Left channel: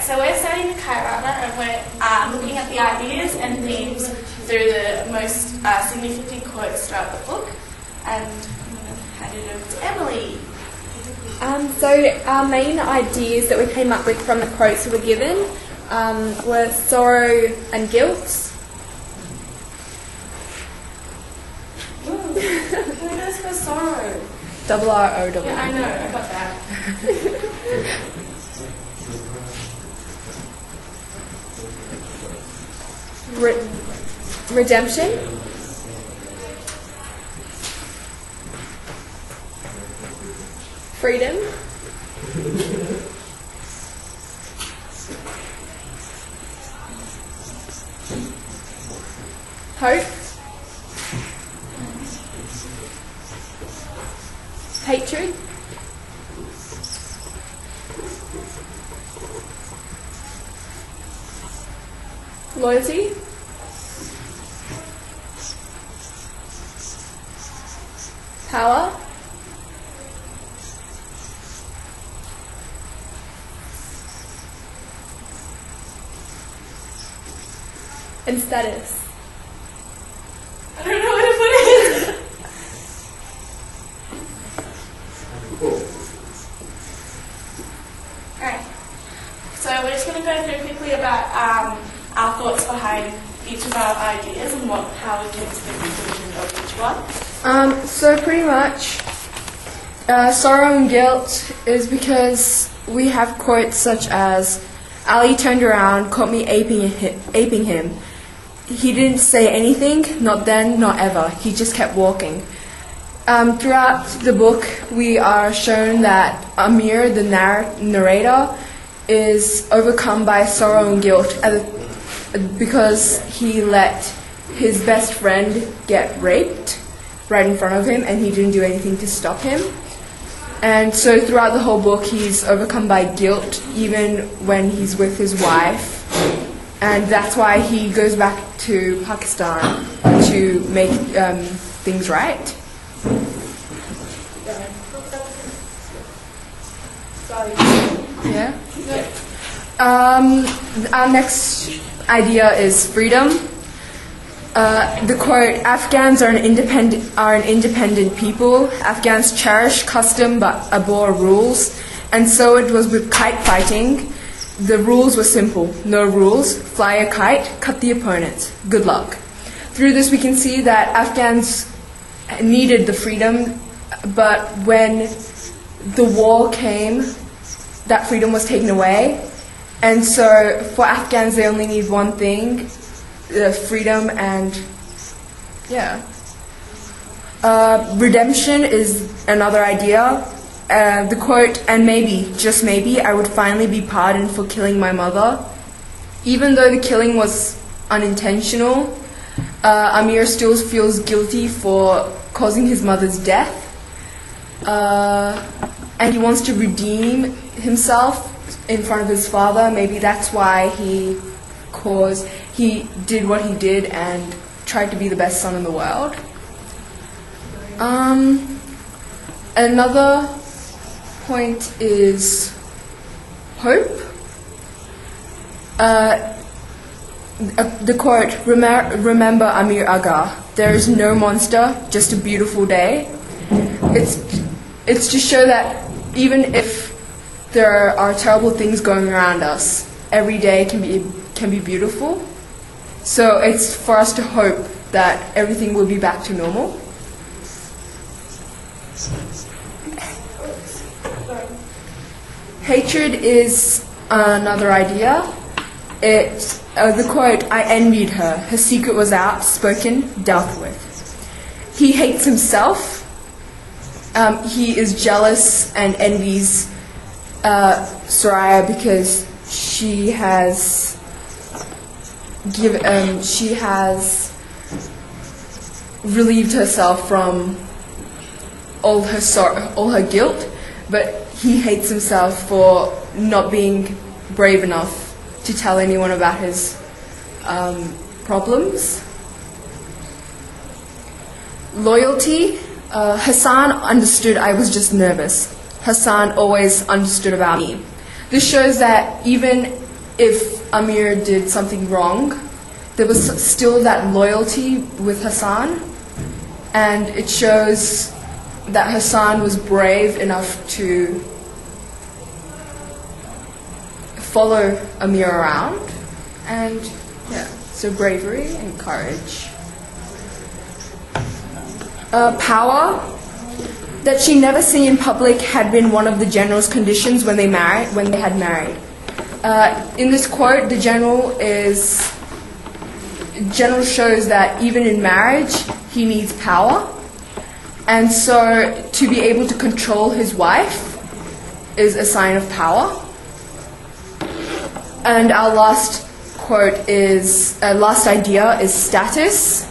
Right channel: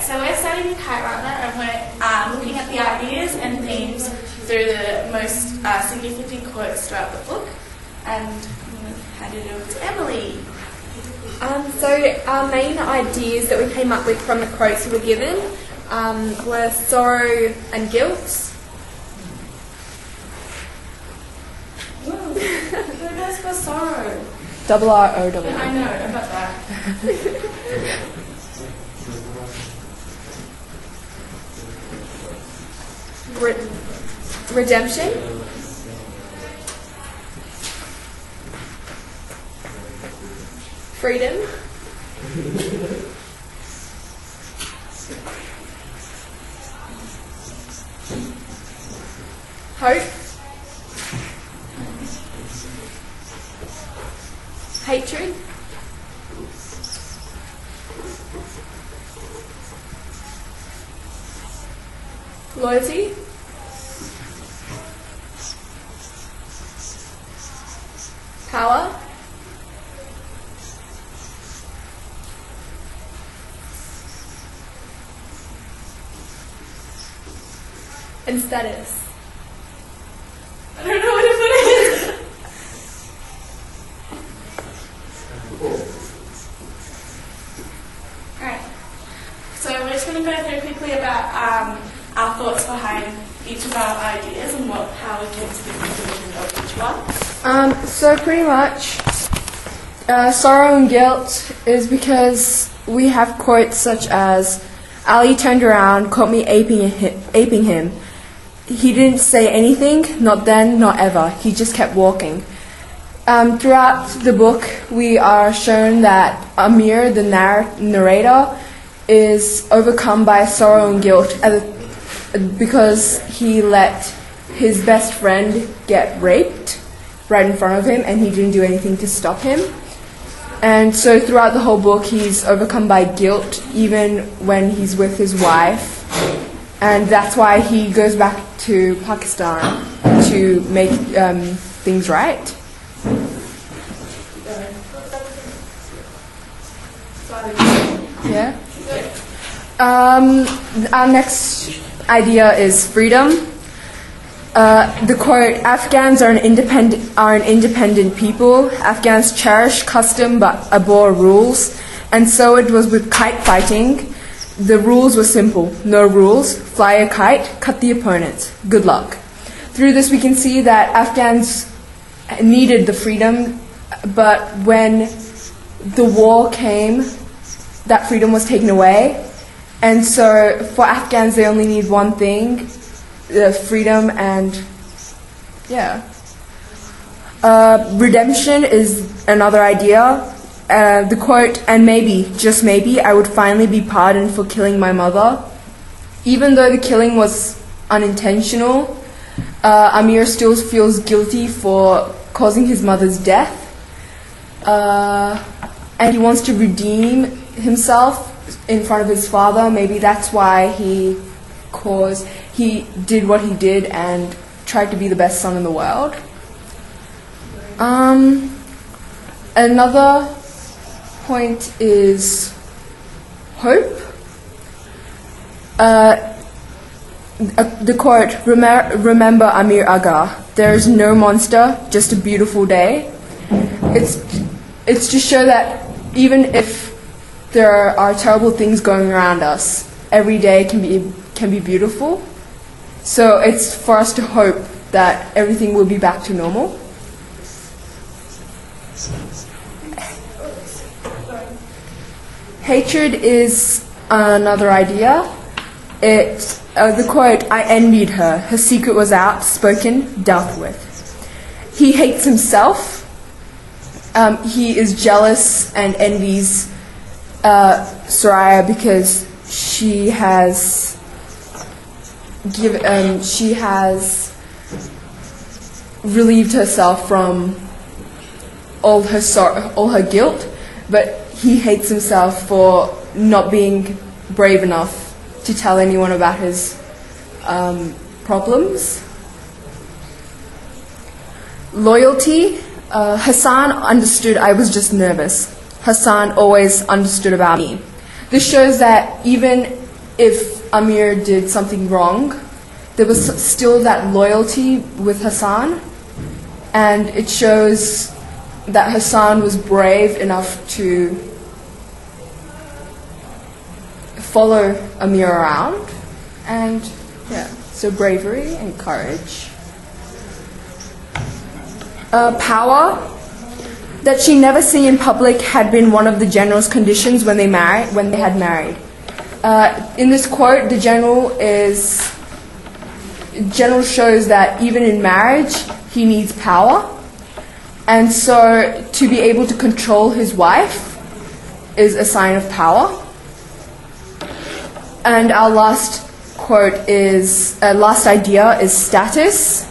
Alright, so we're studying Kite and we're looking at the ideas and themes through the most significant quotes throughout the book. And I'm going to hand it over to Emily. So our main ideas that we came up with from the quotes we were given were sorrow and guilt. Who goes for sorrow? R-O-W. Yeah, I know, I got that. Redemption. Freedom. Hope. Hatred. Loyalty. Power. And status. I don't know what to put in. Alright, so we're just going to go through quickly about our thoughts behind each of our ideas and how we came to the conclusion of each one. So pretty much, sorrow and guilt is because we have quotes such as, Ali turned around, caught me aping him. He didn't say anything, not then, not ever. He just kept walking. Throughout the book, we are shown that Amir, the narrator, is overcome by sorrow and guilt because he let his best friend get raped right in front of him and he didn't do anything to stop him. And so throughout the whole book, he's overcome by guilt even when he's with his wife. And that's why he goes back to Pakistan to make things right. Yeah. Our next idea is freedom. The quote, Afghans are an independent people. Afghans cherish custom but abhor rules. And so it was with kite fighting. The rules were simple. No rules. Fly a kite, cut the opponent. Good luck. Through this we can see that Afghans needed the freedom, but when the war came, that freedom was taken away. And so for Afghans they only need one thing, freedom and redemption is another idea. The quote, and maybe, just maybe, I would finally be pardoned for killing my mother. Even though the killing was unintentional, Amir still feels guilty for causing his mother's death. And he wants to redeem himself in front of his father. Maybe that's why he did what he did and tried to be the best son in the world. Another point is hope. The quote, remember Amir Aga, there is no monster, just a beautiful day. It's to show that even if there are terrible things going around us, every day can be beautiful. So it's for us to hope that everything will be back to normal. Hatred is another idea. The quote, I envied her. Her secret was out, spoken, dealt with. He hates himself. He is jealous and envies Soraya because she has relieved herself from all her guilt, but he hates himself for not being brave enough to tell anyone about his problems. Loyalty. Hassan understood I was just nervous. Hassan always understood about me. This shows that even if Amir did something wrong, there was still that loyalty with Hassan, and it shows that Hassan was brave enough to follow Amir around, and yeah, so bravery and courage. Power that she never seen in public had been one of the general's conditions when they had married. In this quote, the general shows that even in marriage, he needs power. And so to be able to control his wife is a sign of power. And our last idea is status.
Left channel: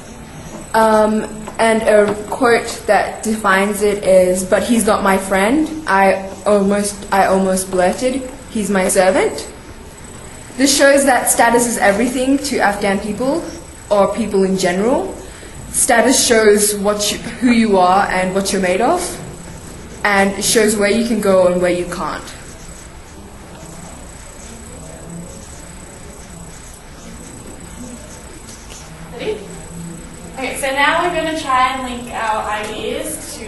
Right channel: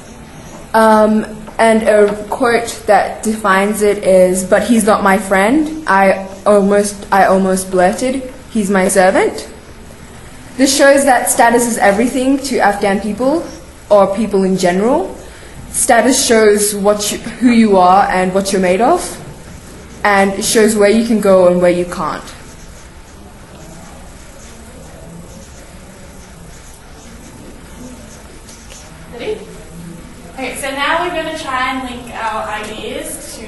And a quote that defines it is, "But he's not my friend. I almost blurted, he's my servant." This shows that status is everything to Afghan people, or people in general. Status shows who you are and what you're made of, and it shows where you can go and where you can't. Ready? Okay, so now we're going to try and link our ideas to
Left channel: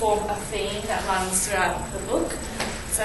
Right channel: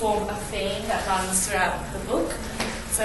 form a theme that runs throughout the book. So